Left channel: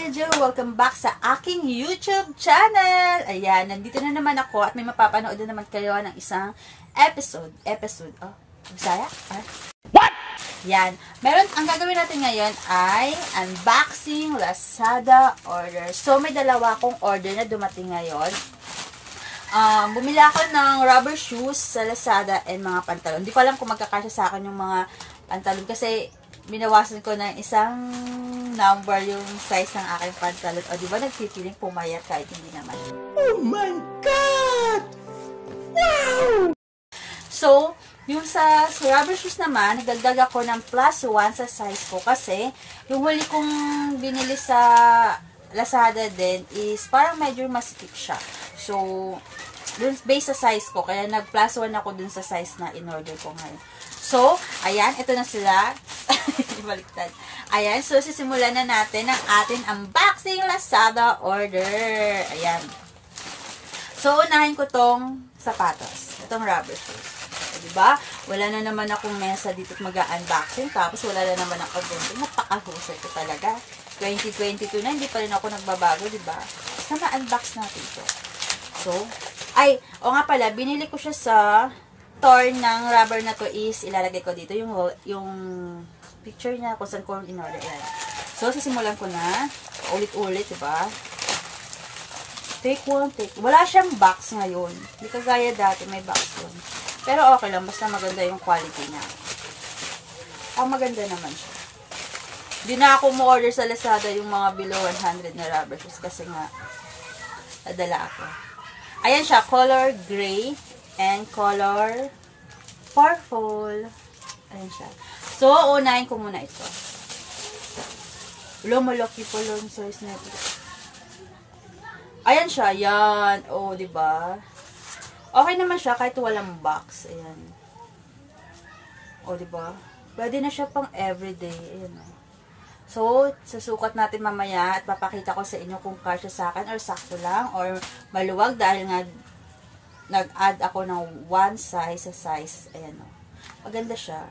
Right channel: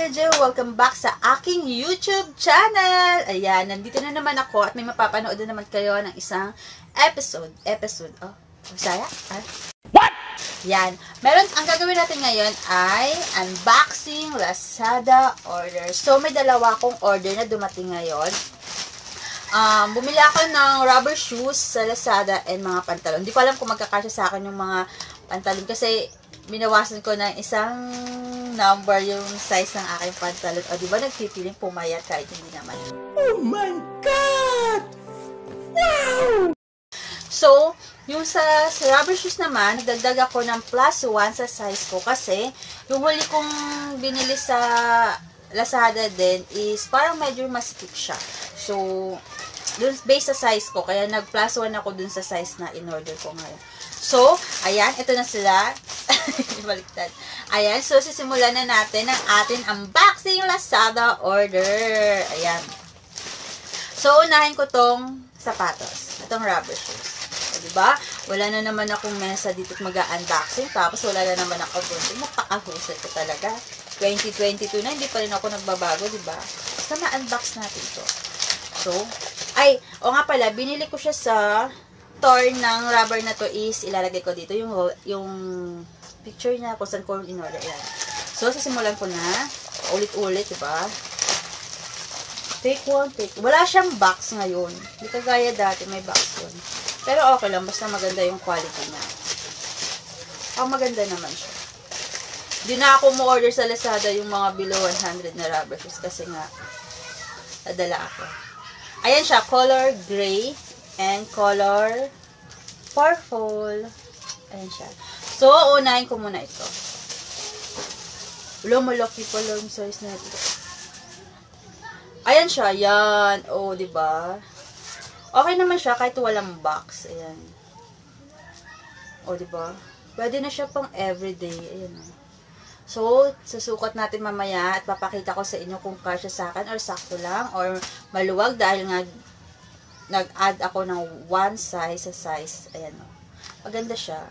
ka-video! Welcome back sa aking YouTube channel! Ayan, nandito na naman ako at may mapapanood na naman kayo ng isang episode. Oh, Bisaya? What? Yan. Ang gagawin natin ngayon ay unboxing Lazada order. So, may dalawa akong order na dumating ngayon. Bumili ako ng rubber shoes sa Lazada and mga pantalon. Hindi ko alam kung magkakasya sa akin yung mga pantalon kasi binawasan ko ng isang number yung size ng aking pantalon. O, diba nagpipiling pumayat kahit hindi naman. Oh my God! Wow! So, yung sa rubber shoes naman, nagdagdag ako ng +1 sa size ko kasi yung huli kong binili sa Lazada din is parang medyo masikip siya. So, dun, based sa size ko, kaya nag+1 ako dun sa size na in-order ko ngayon. So, ayan, ito na sila. Ibaliktad. Ayan, so sisimulan na natin ang ating unboxing Lazada order. Ayan. So, unahin ko tong sapatos. Itong rubber shoes. O, diba? Wala na naman akong mesa dito at mag-unboxing. Tapos, wala na naman ako bunting. Napakahusay ko talaga. 2022 na, hindi pa rin ako nagbabago, diba? Basta ma-unbox natin ito. So, o nga pala, binili ko siya sa store ng rubber na to is ilalagay ko dito yung picture niya kung saan ko in-order. So, sisimulan ko na. Ulit-ulit, diba? Take one. Wala siyang box ngayon. Hindi kagaya dati, may box yun. Pero okay lang, basta maganda yung quality niya. Maganda naman siya. Hindi na ako mo-order sa Lazada yung mga below 100 na rubber shoes kasi nga, nadala ako. Ayan siya, color gray and color purple. Ayan siya. So, unahin ko muna ito. Malaki pala yung size na ito. Ayan siya, yan. O, diba? Okay naman siya kahit walang box. Ayan. O, diba? Pwede na siya pang everyday. Ayan o. So, susukat natin mamaya at papakita ko sa inyo kung kasya sa akin or sakto lang or maluwag dahil nga nag-add ako ng 1 size sa size. Ayan o. Maganda siya.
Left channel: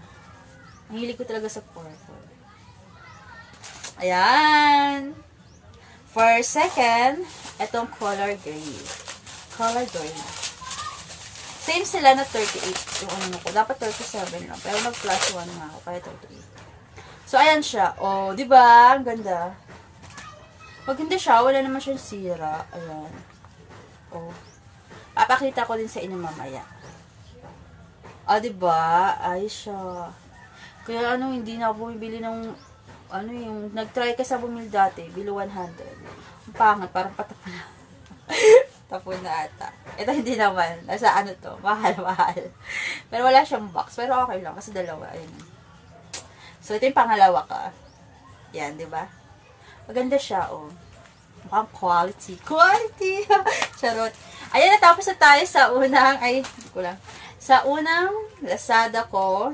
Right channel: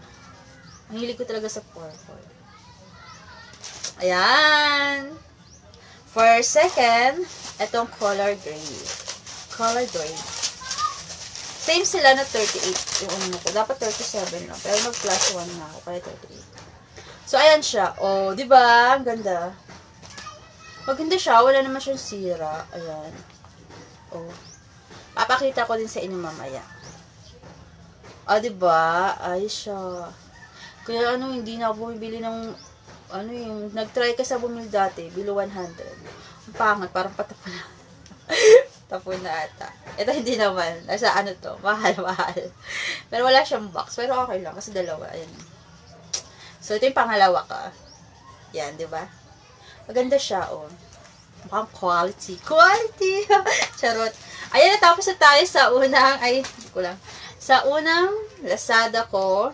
Ang hilig ko talaga sa purple. Ayan. For second, itong color gray. Color gray. Same sila na 38 yung ano ko. Dapat 37 lang. Pero nag+1 nga ako. Kaya 38. So, ayan siya. O, diba? Ang ganda. Maganda siya. Wala naman siyang sira. Ayan. O. Papakita ko din sa inyo mamaya. Diba? Ayos siya. Kaya hindi na ako bumibili ng yung nag-try ka sa bumili dati, below 100. Ang pangat, parang patapon na. Tapon na ata. Ito hindi naman. Nasa to, mahal. Pero wala siyang box. Pero okay lang, kasi dalawa. Ayan. So, ito yung pangalawa ka. Yan, diba? Maganda siya, oh. Mukhang quality. Charot. Ayan, natapos na tayo sa unang, sa unang Lazada ko.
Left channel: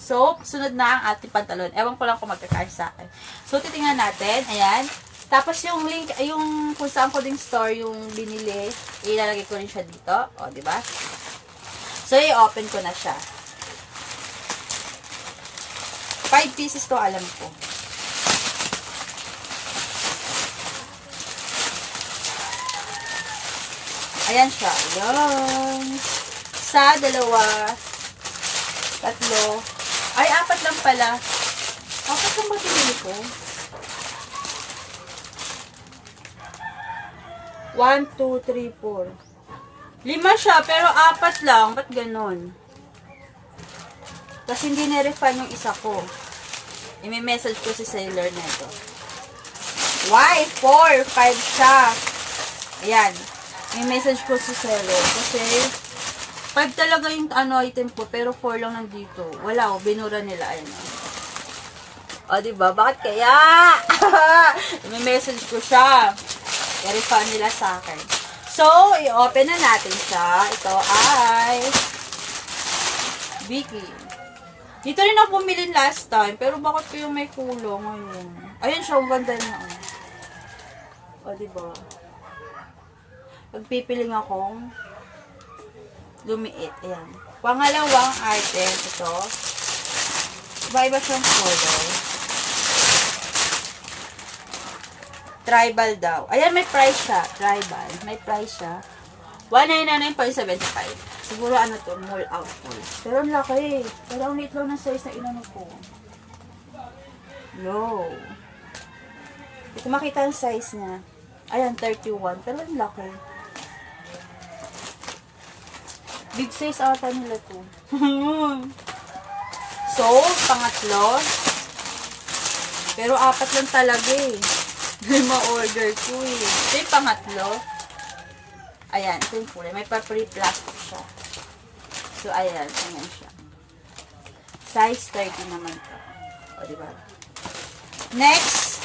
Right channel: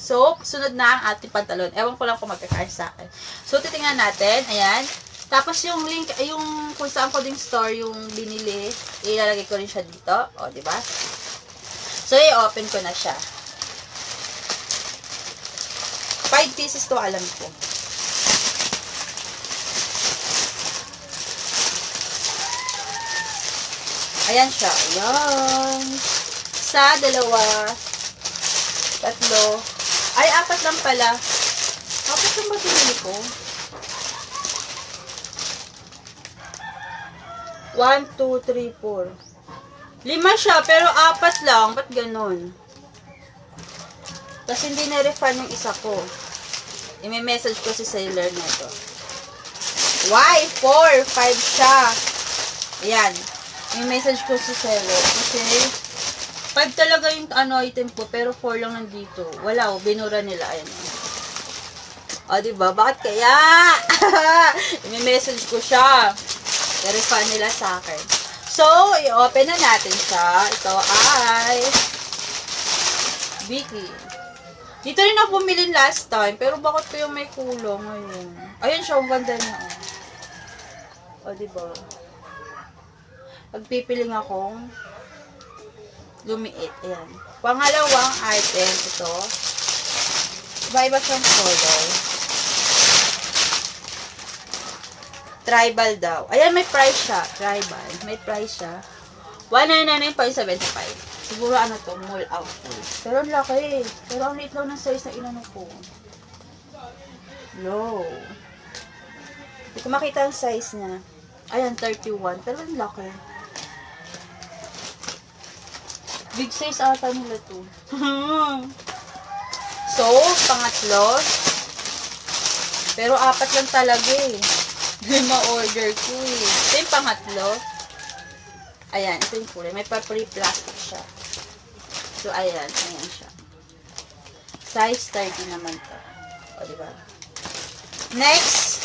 So, sunod na ang ating pantalon. Ewan ko lang kung magkakain sa akin. So, titingnan natin. Ayan. Tapos, yung link, yung kung saan ko ding store yung binili, ilalagay ko rin siya dito. O, diba? So, i-open ko na siya. 5 pieces to, alam ko. Ayan siya. Ayan. Isa, dalawa, tatlo. Ay, 4 lang pala. 4 lang ba pinili ko? 1, 2, 3, 4. 5 siya, pero 4 lang. Ba't ganun? Kasi hindi na-refund yung isa ko. I-message ko si seller nito. Why? 4, 5 siya. Ayan. I-message ko si seller. Kasi 5 talaga yung item ko, pero 4 lang nandito. Wala, binura nila. Ayan. Diba? Bakit kaya? I-message ko siya. I-refund nila sa akin. So, i-open na natin siya. Ito ay Vicky. Dito rin ako bumili last time, pero bakit ko yung may kulong ngayon? Ayan siya, ang ganda niya. Diba? Nagpipiling akong lumiit. Ayan. Pangalawang item, ito. Iba-iba siyang color. Tribal daw. Ayan, may price siya. Tribal. May price siya. 199.75. Siguro ano to, mall out full. Pero ang laki. Pero ang liit lang ng size na inano ko. Low. Hindi ko makita yung size niya. Ayan, 31. Pero ang laki. Big size ata nila to. So, pangatlo. Pero 4 lang talaga eh. Ma-order ko eh. Ito yung pangatlo. Ayan, ito yung kulay. May papery plastic siya. So, ayan. Ayan siya. Size 30 naman to. O, diba? Next.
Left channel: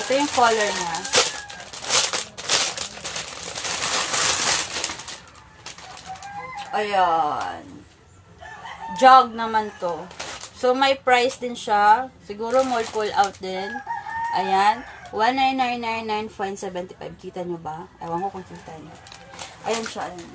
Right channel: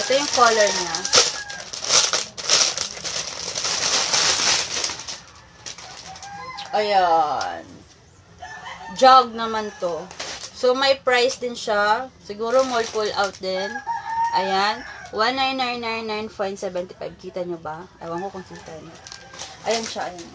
Ito yung color niya. Ayan. Jog naman to. So, may price din siya. Siguro more pull out din. Ayan. 19999.75. Kita nyo ba? Ewan ko kung kita nyo. Ayan siya. Ayan.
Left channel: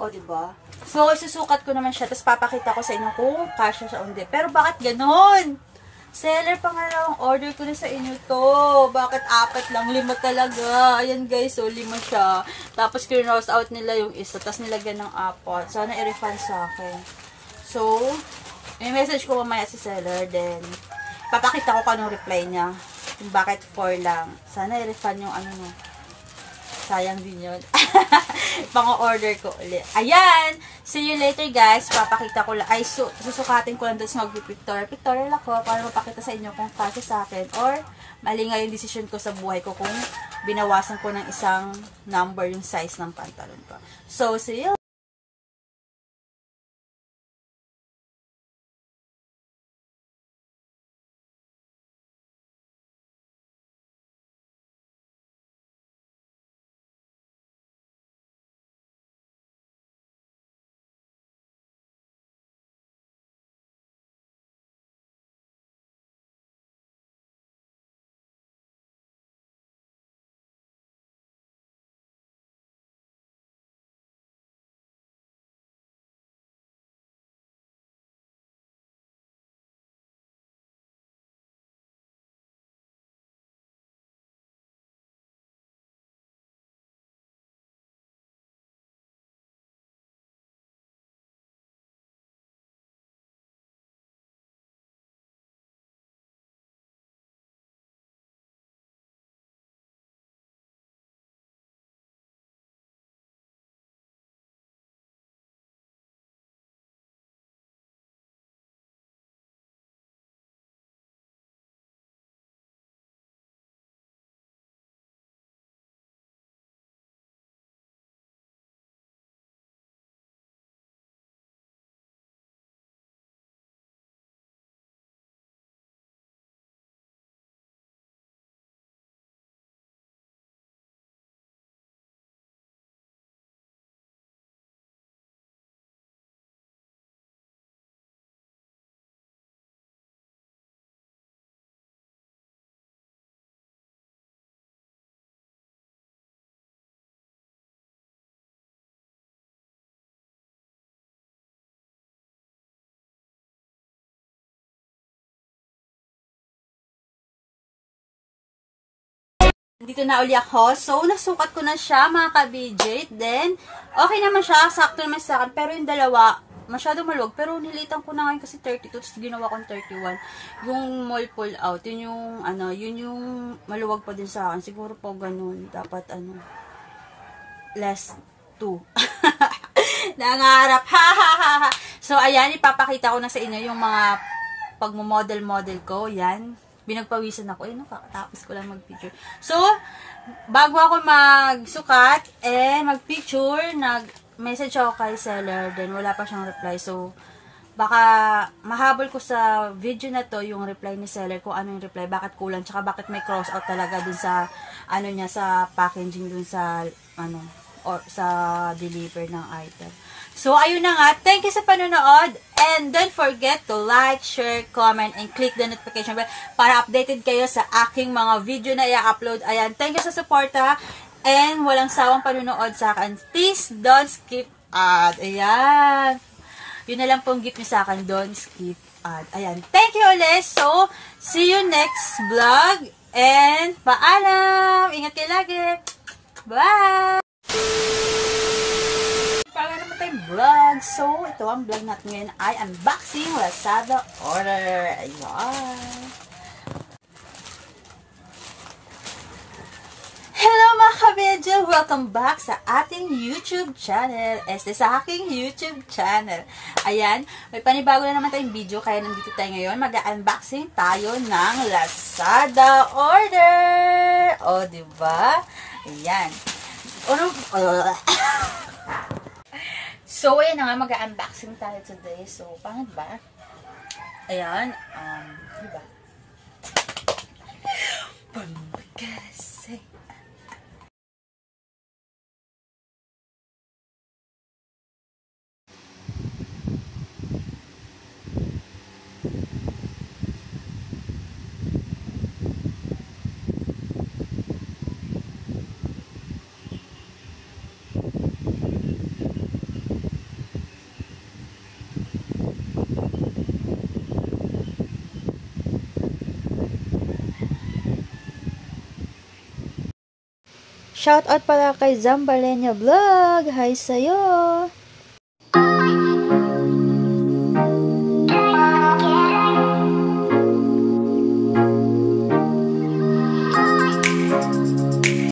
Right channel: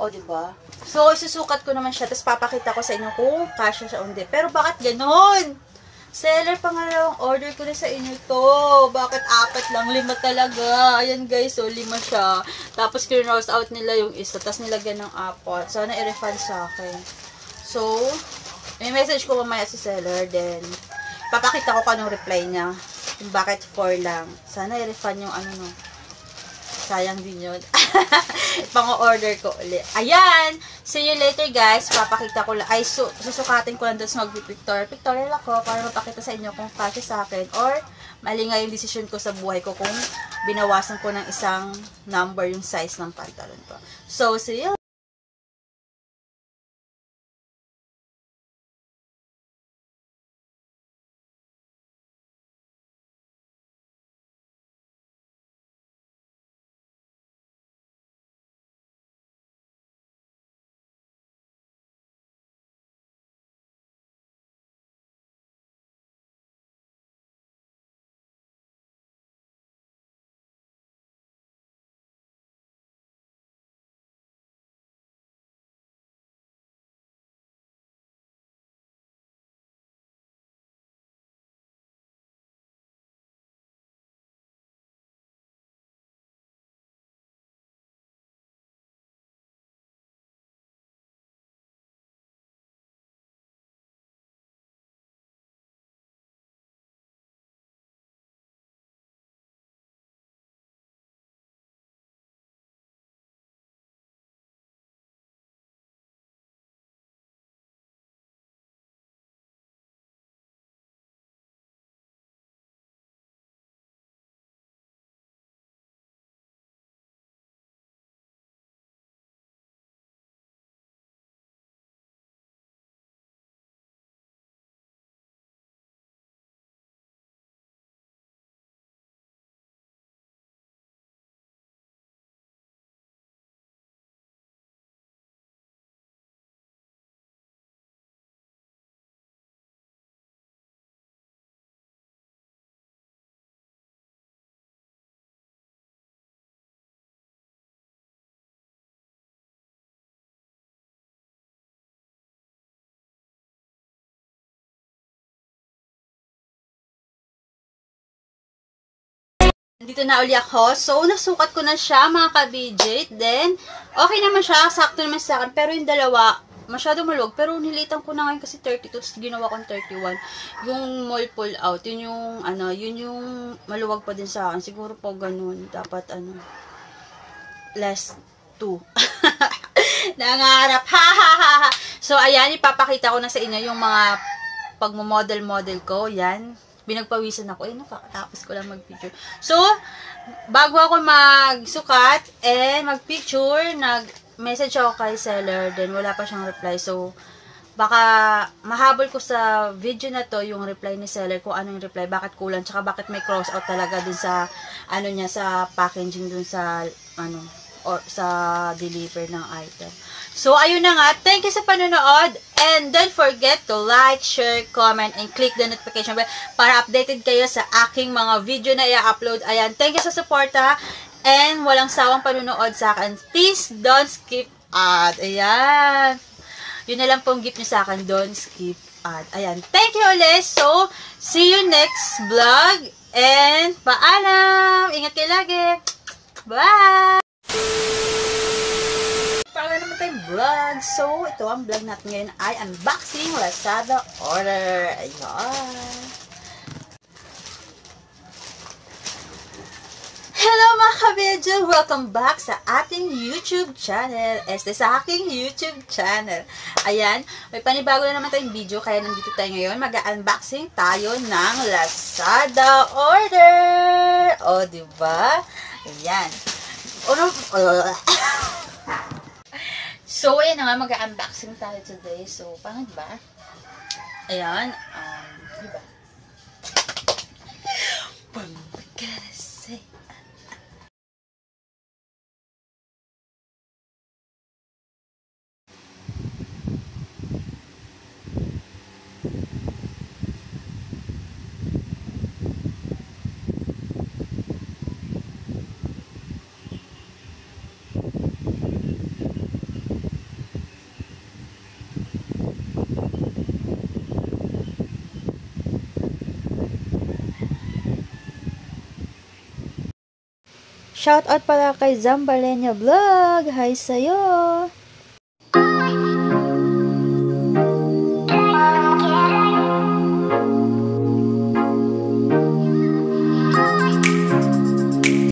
O, diba? So, isusukat ko naman siya. Tapos, papakita ko sa inyo kung kasya siya o hindi. Pero, bakit ganon? Seller, pangalawang order ko na sa inyo to. Bakit 4 lang? 5 talaga. Ayan guys, so 5 siya. Tapos clearance out nila yung isa. Tapos nilagyan ng 4. Sana i-refund sa akin. So, may message ko mamaya si seller. Then, papakita ko kanong reply niya. Kung bakit 4 lang. Sana i-refund yung ano no. Sayang din yun. Pang-order ko ulit. Ayan! See you later guys. Papakita ko lang. Ay, susukatin ko lang doon sa mag-pictorial. Pictorial ako para mapakita sa inyo kung kasya sa akin or mali nga yung decision ko sa buhay ko kung binawasan ko ng isang number yung size ng pantalon ko. So, see you. Dito na uli ako. So, nasukat ko na siya, mga ka-BJ. Then, okay naman siya. Sakto naman sa akin. Pero yung dalawa, masyado maluwag. Pero nilitan ko na ngayon kasi 32. Tapos ginawa kong 31. Yung mall pull out. Yun yung, yun yung maluwag pa din sa akin. Siguro po ganun. Dapat, less 2. Nangarap. Ha, ha, ha, ha. So, ayan. Ipapakita ko na sa inyo yung mga pagmo-model-model ko. Yan. Binagpawisan ako. Tapos ko lang mag-picture. So, bago ako magsukat and mag-picture, nag-message ako kay seller. Then, wala pa siyang reply. So, baka mahabol ko sa video na to yung reply ni seller kung ano yung reply, bakit kulang, tsaka bakit may cross out talaga dun sa, niya, sa packaging dun sa, or sa deliver ng item. So, ayun na nga. Thank you sa panonood. And don't forget to like, share, comment, and click the notification bell para updated kayo sa aking mga video na i-upload. Ayan. Thank you sa suporta. And walang sawang panonood sa akin. Please don't skip ad. Ayan. Yun na lang pong gift nyo sa akin. Don't skip At ayan, thank you ulit. So, see you next vlog. And paalam! Ingat kayo lagi. Bye! Para naman tayong vlog. So, ito ang vlog natin ngayon ay unboxing Lazada order. Ayan. Hello mga kabedyo! Welcome back sa ating YouTube channel. Sa aking YouTube channel. Ayan, may panibago na naman tayong video kaya nandito tayo ngayon. Mag-unboxing tayo ng Lazada order. O, diba? Ayan. So, ayan na nga, mag-unboxing tayo today. So, paano ba? Ayan. Diba? Pambagasay. Shoutout pala kay Zambalenya Vlog. Hi sa'yo!